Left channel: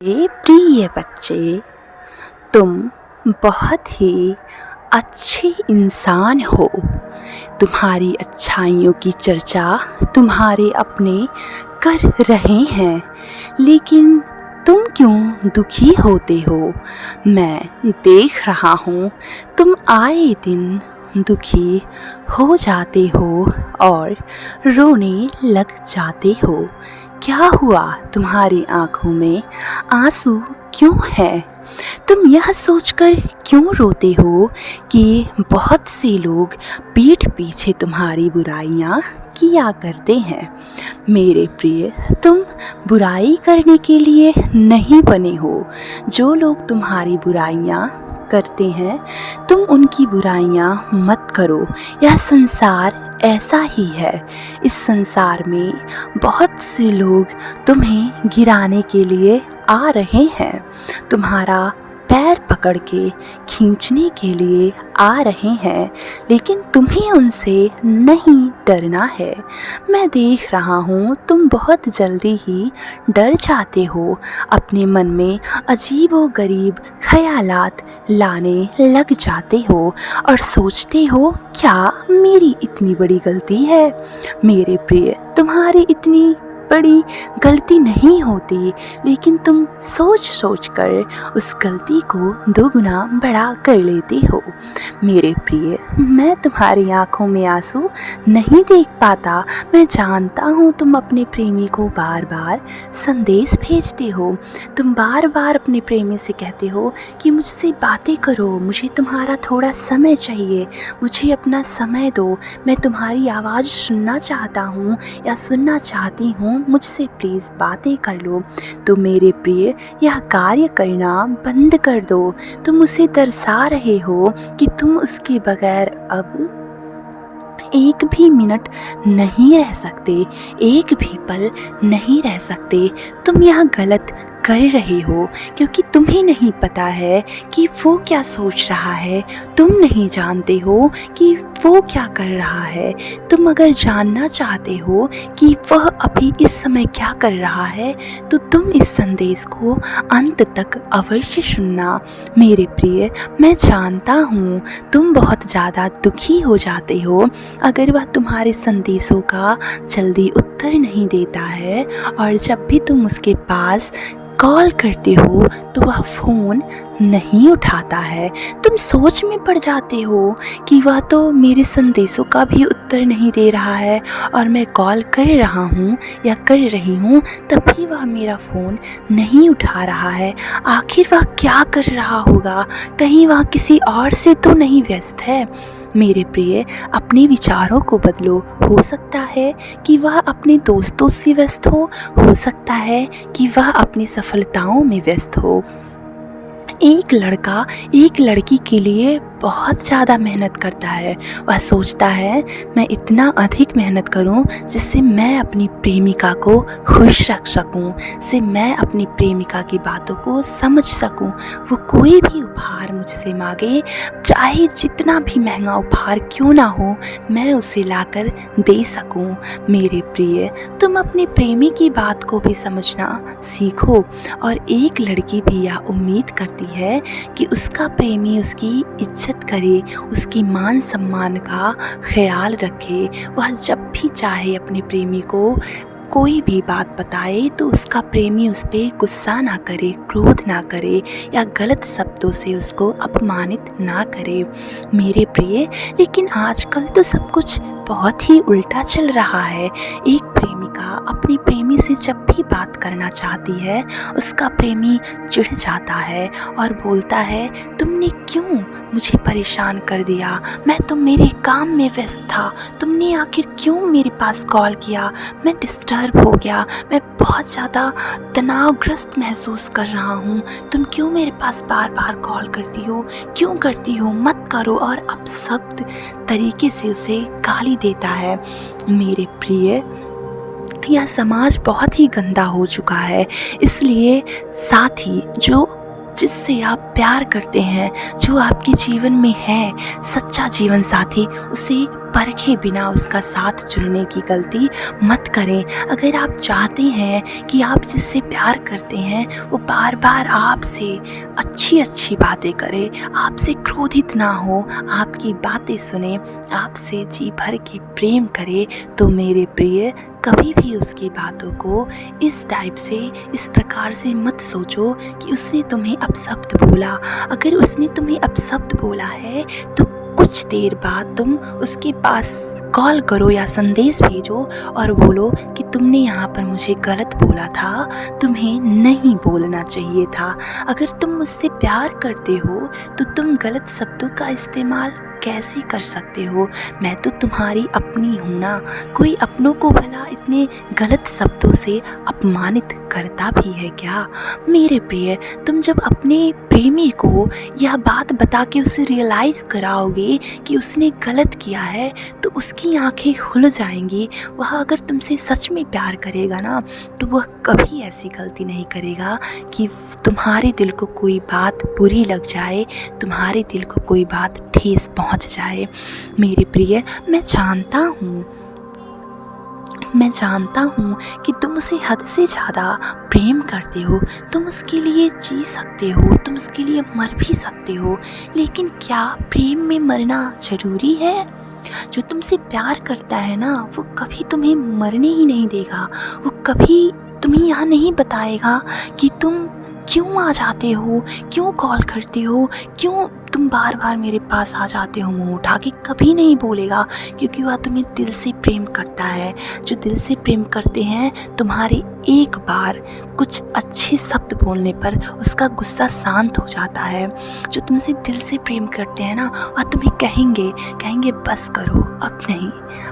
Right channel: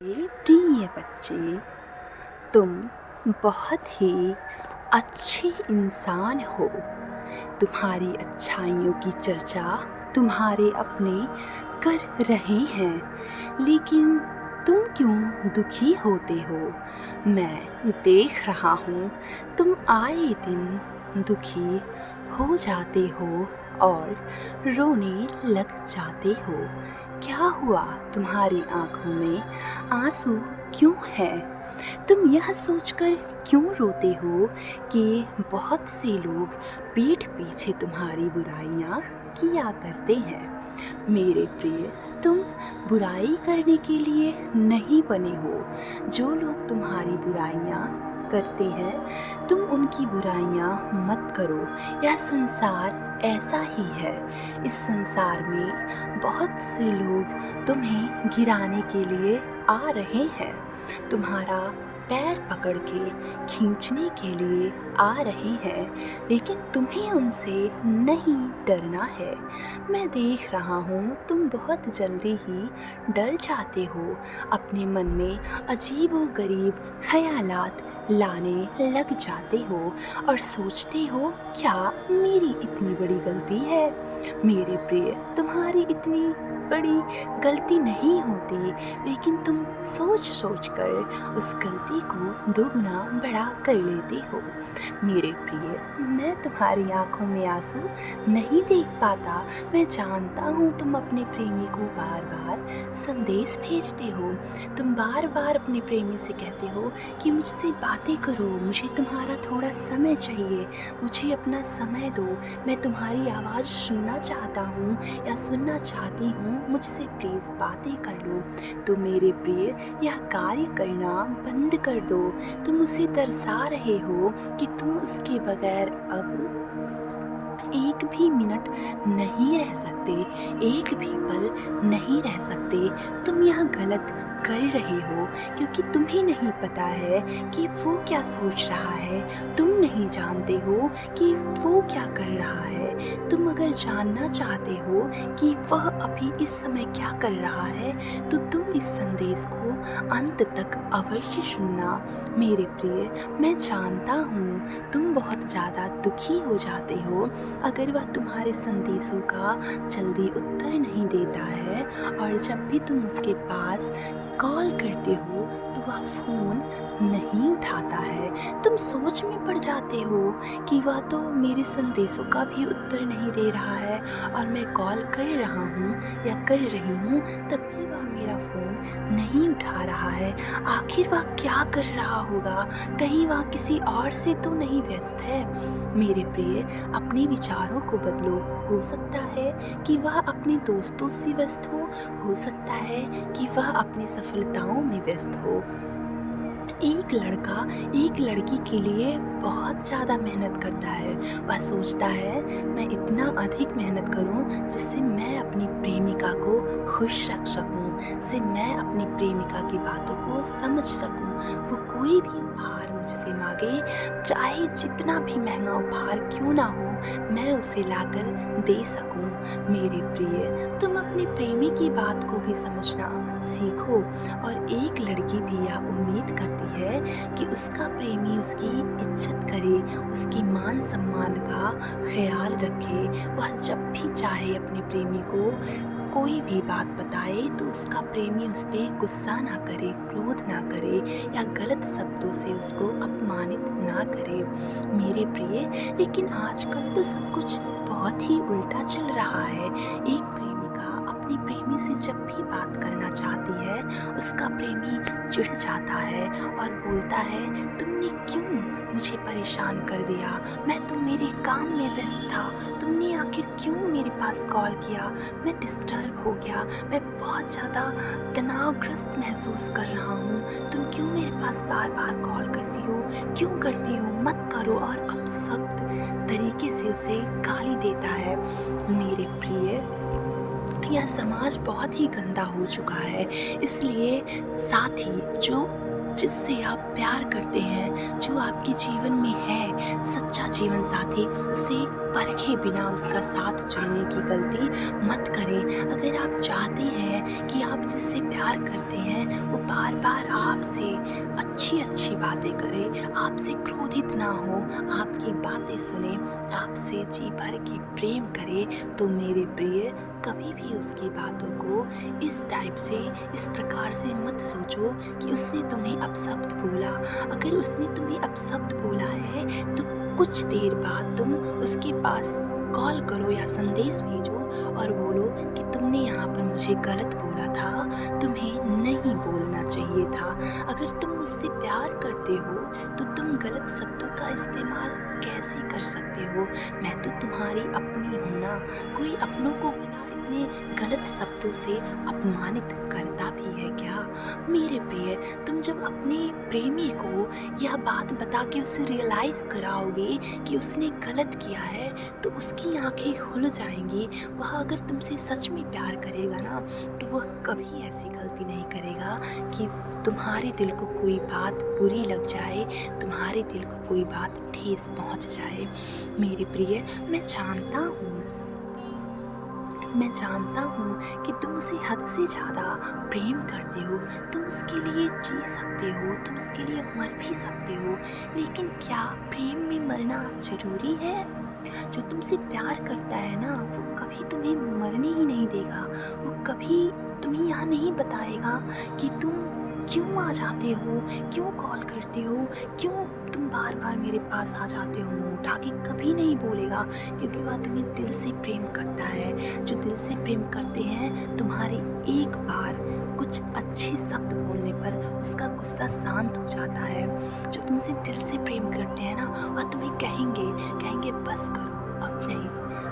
प्रिय बच्चे, तुम बहुत ही अच्छे इंसान हो। तुम्हारी अच्छाइयों की चर्चा तुम्हारे अपने कर रहे हैं, लेकिन तुम क्यों दुखी होते हो? मैं देख रहा हूँ तुम आए दिन दुखी हो जाते हो और रोने लग जाते हो। क्या हुआ? तुम्हारी आंखों में आंसू क्यों हैं? तुम यह सोचकर क्यों रोते हो कि बहुत से लोग पीठ पीछे तुम्हारी बुराइयां किया करते हैं? मेरे प्रिय, तुम बुराई करने के लिए नहीं बने हो। जो लोग तुम्हारी बुराइयां करते हैं, तुम उनकी बुराइयां मत करो। यह संसार ऐसा ही है। इस संसार में बहुत से लोग तुम्हें गिराने के लिए आ रहे हैं, तुम्हारा पैर पकड़ के खींचने के लिए आ रहे हैं, लेकिन तुम्हें उनसे नहीं डरना है। मैं देख रहा हूँ तुम बहुत जल्दी ही डर जाते हो, अपने मन में अजीबोगरीब ख़यालात लाने लग जाते हो और सोचते हो क्या मेरी इतनी बड़ी गलती है? मेरे प्रिय, तुम्हारी इतनी बड़ी गलती नहीं होती, लेकिन तुम सोच सोच कर उस गलती को दोगुना बड़ा कर लेते हो। मेरे प्रिय, मैं तुम्हारी आंखों में आंसू नहीं देख पाता। मैं जानता हूँ तुम अपने प्रेमी को बार बार संदेश भेजते हो। तुम बार बार अपने प्रेमी से कहते हो कि मुझसे बातें करो, मुझे तुम्हारा थोड़ा समय चाहिए, मुझे अपना समय दो, मैं तुम्हारी आवाज़ सुनना चाहता हूँ या सुनना चाहती हूँ, मुझसे प्लीज़ बातें कर लो। तो मेरे प्रिय, यह कार्य करना बंद कर दो। तुम उसे दर्शा रहे हो कि तुम उसके बगैर अब एक भी मिनट नहीं रह सकते, एक भी पल नहीं रह सकते। तुम यह गलत कर रहे हो क्योंकि तुम्हें नहीं पता है कि वो क्या सोच रहा है। तुम नहीं जानते हो कि वो क्या कर रहा है। तुम अगर जानना चाहते हो कि वह अभी इस समय क्या कर रहा है, तो तुम इस संदेश को अंत तक अवश्य सुनना। मेरे प्रिय, मैं जानता हूँ तुम बहुत ज़्यादा दुखी हो जाते हो अगर वह तुम्हारे संदेशों का जल्दी उत्तर नहीं देता है, और जब भी तुम उसके पास कॉल करते हो तो वह फ़ोन नहीं उठाता है। तुम सोच में पड़ जाते हो कि वह तो मेरे संदेशों का भी उत्तर नहीं दे रहा है, और मैं कॉल कर रहा हूँ या कर रही हूँ तब भी वह मेरा फ़ोन नहीं उठा रहा है। आखिर वह क्या कर रहा होगा? कहीं वह किसी और से तो नहीं व्यस्त है? मेरे प्रिय, अपने विचारों को बदलो। हो सकता है कि वह अपने दोस्तों से व्यस्त हो सकता है कि वह अपनी सफलताओं में व्यस्त हो। एक लड़का एक लड़की के लिए बहुत ज़्यादा मेहनत करता है। वह सोचता है मैं इतना अधिक मेहनत करूं जिससे मैं अपनी प्रेमिका को खुश रख सकूं, जिससे मैं अपनी प्रेमिका की बातों को समझ सकूं। वो कोई भी उपहार मुझसे मांगे, चाहे जितना भी महंगा उपहार क्यों ना हो, मैं उसे लाकर दे सकूं। मेरे प्रिय, तुम अपने प्रेमी की बात को भी समझना सीखो। और एक लड़की भी यह उम्मीद करती है कि उसका प्रेमी उसकी इज्जत करे, उसकी मान सम्मान का ख्याल रखे। वह जब भी चाहे अपने प्रेमी को कोई भी बात बताए तो उसका प्रेमी उस पर गुस्सा ना करे, क्रोध ना करे या गलत शब्दों से उसको अपमानित ना करे। मेरे प्रिय, लेकिन आजकल तो सब कुछ बहुत ही उल्टा चल रहा है। एक प्रेमिका अपनी प्रेमी से जब भी बात करना चाहती है, उसका प्रेमी चिढ़ जाता है और बोलता है तुमने क्यों मुझे परेशान कर दिया, मैं तो मेरे काम में व्यस्त था, तुमने आखिर क्यों मेरे पास कॉल किया, मैं डिस्टर्ब हो गया, मैं बहुत ज़्यादा तनावग्रस्त महसूस कर रहा हूँ, तुम क्यों मेरे पास बार बार कॉल करती हो, क्यों करती हो, मत करो। और अब शब्द तरीके से उसे गाली देता है। मेरे प्रिय, यह समाज बहुत ही गंदा हो चुका है, इसलिए साथी जो जिससे आप प्यार करते हैं, जो आपके जीवन में है सच्चा जीवन साथी, उसे परखे बिना उसका साथ चुनने की गलती मत करें। अगर आप चाहते हैं कि आप जिससे प्यार करते हैं वो बार बार आपसे अच्छी अच्छी बातें करे, आपसे क्रोधित ना हो, आपकी बातें सुने, आपसे जी भर के प्रेम करे, तो मेरे प्रिय कभी भी उसकी बातों को इस टाइप से, इस प्रकार से मत सोचो कि उसने तुम्हें अपशब्द बोला। अगर उसने तुम्हें अपशब्द बोला है तो कुछ देर बाद तुम उसके पास कॉल करो या संदेश भेजो और बोलो कि तुमने यहाँ पर मुझे गलत बोला था, तुम्हें नहीं बोलना चाहिए था। अगर तुम मुझसे प्यार करते हो तो तुम गलत शब्दों का इस्तेमाल कैसे कर सकते हो? मैं तो तुम्हारी अपनी हूँ ना। कोई अपनों को भला इतने गलत शब्दों से अपमानित करता भी है क्या? मेरे प्रिय, तुम जब अपने प्रेमी को यह बात बता के उसे रियलाइज़ कराओगे कि उसने गलत किया है तो उसकी आंखें खुल जाएंगी। वह अगर तुमसे सच में प्यार करेगा ना तो वह कभी ऐसी गलती नहीं करेगा कि तुम्हारे दिल को कोई बात बुरी लग जाए, तुम्हारे दिल को कोई बात ठेस पहुंच जाए। मेरे प्रिय, मैं जानता हूँ कि तुम उसे हद से ज़्यादा प्रेम करते हो। तुम उसके लिए जी सकते हो, तुम उसके लिए मर भी सकते हो, लेकिन क्या प्रेम में मरना ज़रूरी है? जो तुमसे प्यार करता है ना वो कभी तुम्हें मरने ही नहीं देगा। वो कभी तुम्हें यह नहीं बताएगा कि तुम क्यों आ जाते हो, क्यों कॉल करते हो, क्यों तुम बार बार मेरे पास आ जाते हो मुंह उठा के, कभी नहीं बोलेगा, क्योंकि वह तुम्हें दिल से प्रेम करता है। जो दिल से प्रेम करते हैं, तुम्हारे एक बार कुछ अच्छे शब्द बोलने पर उसका गुस्सा शांत हो जाता है। जो तुमसे दिल से प्रेम करते हैं ना वह तुम्हें कहेंगे बस करो, अब नहीं,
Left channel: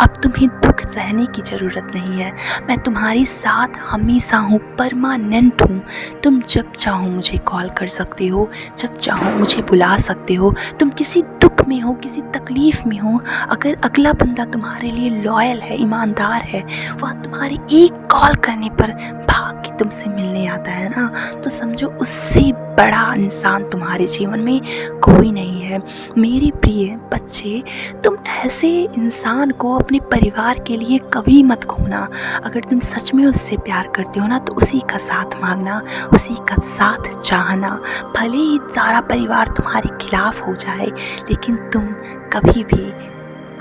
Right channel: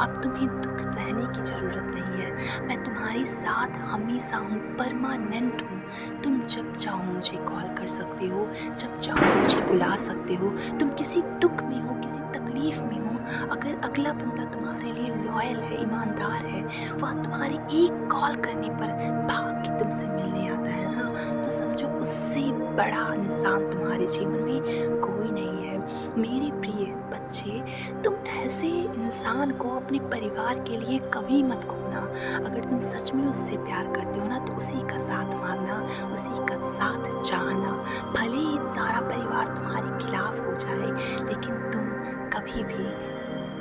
अब तुम्हें दुख सहने की ज़रूरत नहीं है। मैं तुम्हारी साथ हमेशा हूँ, परमानेंट हूँ। तुम जब चाहो मुझे कॉल कर सकते हो, जब चाहो मुझे बुला सकते हो। तुम किसी दुख में हो, किसी तकलीफ़ में हो, अगर अगला बंदा तुम्हारे लिए लॉयल है, ईमानदार है, वह तुम्हारे एक कॉल करने पर भाग के तुमसे मिलने आता है ना, तो समझो उससे बड़ा इंसान तुम्हारे जीवन में कोई नहीं है। मेरे प्रिय बच्चे, तुम ऐसे इंसान को अपने परिवार के लिए कभी मत खोना। अगर तुम सच में उससे प्यार करते हो ना तो उसी का साथ मांगना, उसी का साथ चाहना। भले ही सारा परिवार तुम्हारे खिलाफ हो जाए, लेकिन तुम कभी भी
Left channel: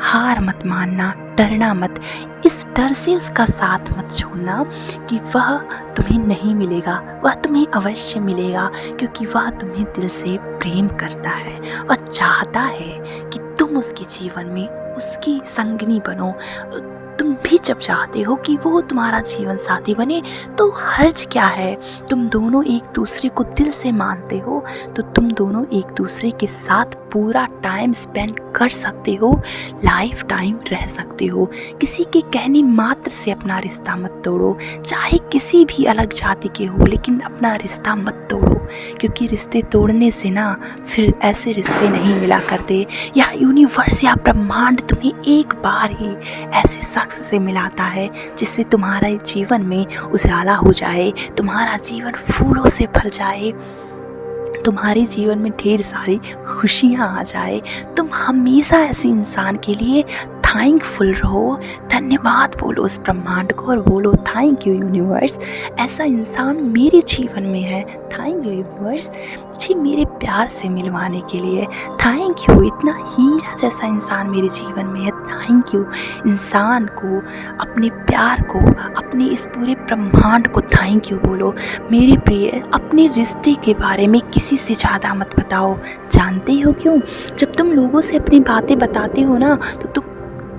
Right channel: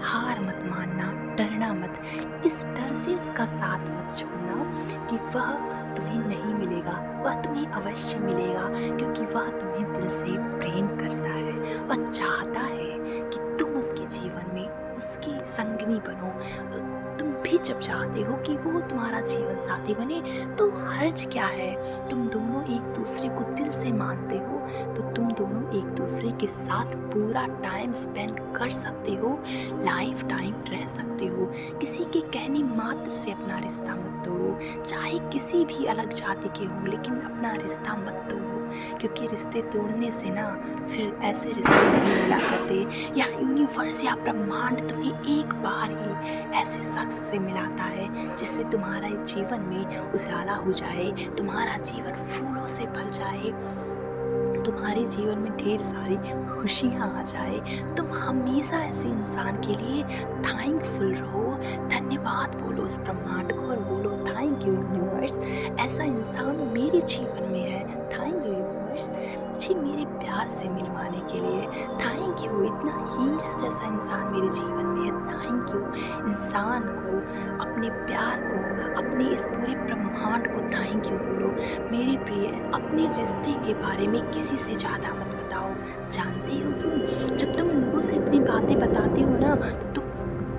हार मत मानना, डरना मत। इस डर से उसका साथ मत छोड़ना कि वह तुम्हें नहीं मिलेगा, वह तुम्हें अवश्य मिलेगा, क्योंकि वह तुम्हें दिल से प्रेम करता है और चाहता है कि तुम उसके जीवन में उसकी संगनी बनो। तुम भी जब चाहते हो कि वो तुम्हारा जीवन साथी बने तो हर्ज क्या है? तुम दोनों एक दूसरे को दिल से मानते हो तो तुम दोनों एक दूसरे के साथ पूरा टाइम स्पेंड कर सकते हो, लाइफ टाइम रह सकते हो। किसी के कहने मात्र से अपना रिश्ता मत तोड़ो, चाहे किसी भी अलग जाति के हो, लेकिन अपना रिश्ता मत तोड़ो, क्योंकि रिश्ते तोड़ने से ना फिर ऐसे रिश्ते नहीं मिला करते। या यूनिवर्स या ब्रह्मांड तुम्हें एक बार ही ऐसे शख्स से मिलाता है जिससे तुम्हारे जीवन में उजाला हो जाए, तुम्हारा जीवन फूलों से भर जाए, तुम्हारे जीवन में ढेर सारी खुशियाँ आ जाए। तुम हमेशा ऐसे इंसान के लिए थैंकफुल रहो, धन्यवाद बोलो उस ब्रह्मांड को और बोलो थैंक यू यूनिवर्स, ऐसा इंसान मेरे जीवन में है। थैंक यू यूनिवर्स, मुझे मेरे प्यार से मिलवाने के लिए। थैंक यू, इतना हीरा जैसा इंसान मेरे जीवन में है। थैंक यू इंसान को, अपने प्यार को, अपने इस पूरे ब्रह्मांड को थैंक यू बोलो। मेरे प्रिय, अपने रिश्ते के बारे में किसी से ज़्यादा मत बताओ। जानते हो क्यों? जब तुम लोगों से अपनी बातें बताते हो ना तो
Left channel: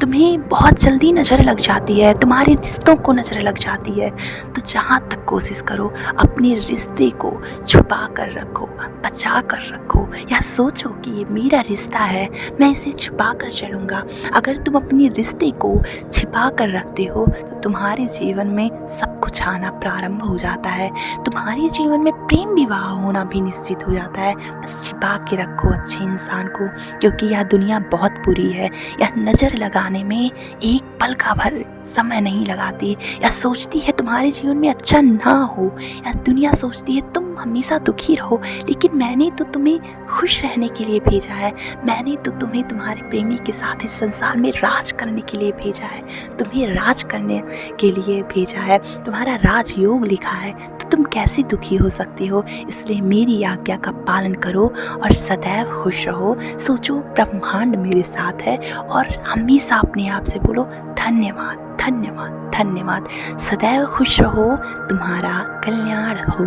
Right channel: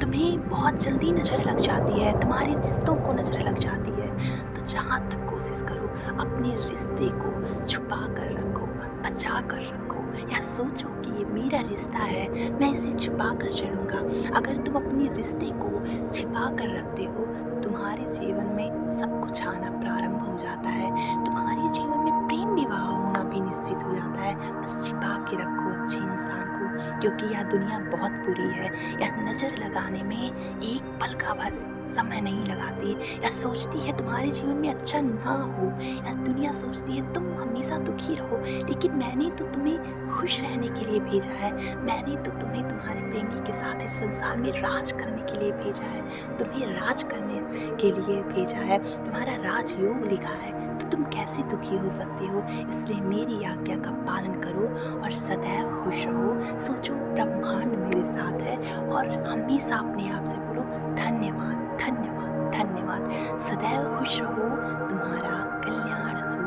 तुम्हें बहुत जल्दी नज़र लग जाती है, तुम्हारे रिश्तों को नज़र लग जाती है। तो जहाँ तक कोशिश करो अपने रिश्ते को छुपा कर रखो, बचा कर रखो, या सोचो कि ये मेरा रिश्ता है, मैं इसे छुपा कर चलूँगा। अगर तुम अपने रिश्ते को छिपा कर रखते हो तो तुम्हारे जीवन में सब कुछ आना प्रारंभ हो जाता है, तुम्हारे जीवन में प्रेम विवाह होना भी निश्चित हो जाता है। बस छिपा के रखो अच्छे इंसान को, क्योंकि यह दुनिया बहुत बुरी है, यह नज़र लगा लाने में एक पल का भर समय नहीं लगाती, या सोचती है तुम्हारे जीवन में अच्छा ना हो, या दुनिया सोचती है तुम हमेशा दुखी रहो, लेकिन मैंने तो तुम्हें खुश रहने के लिए भेजा है। मैंने तो तुम्हें तुम्हारे प्रेमी के साथ इस संसार में राज करने के लिए भेजा है, तुम्हें राज करने के लिए भेजा है, तुम्हारा राजयोग लिखा है, तो तुम कैसे दुखी हो सकते हो। इसलिए मेरी आज्ञा का पालन करो और सदैव खुश रहो। सोचो ब्रह्मांड मेरे साथ है, और हमेशा अपने आप से बोलो धन्यवाद धन्यवाद धन्यवाद। सदैव खुश रहो, तुम्हारा कल्याण हो।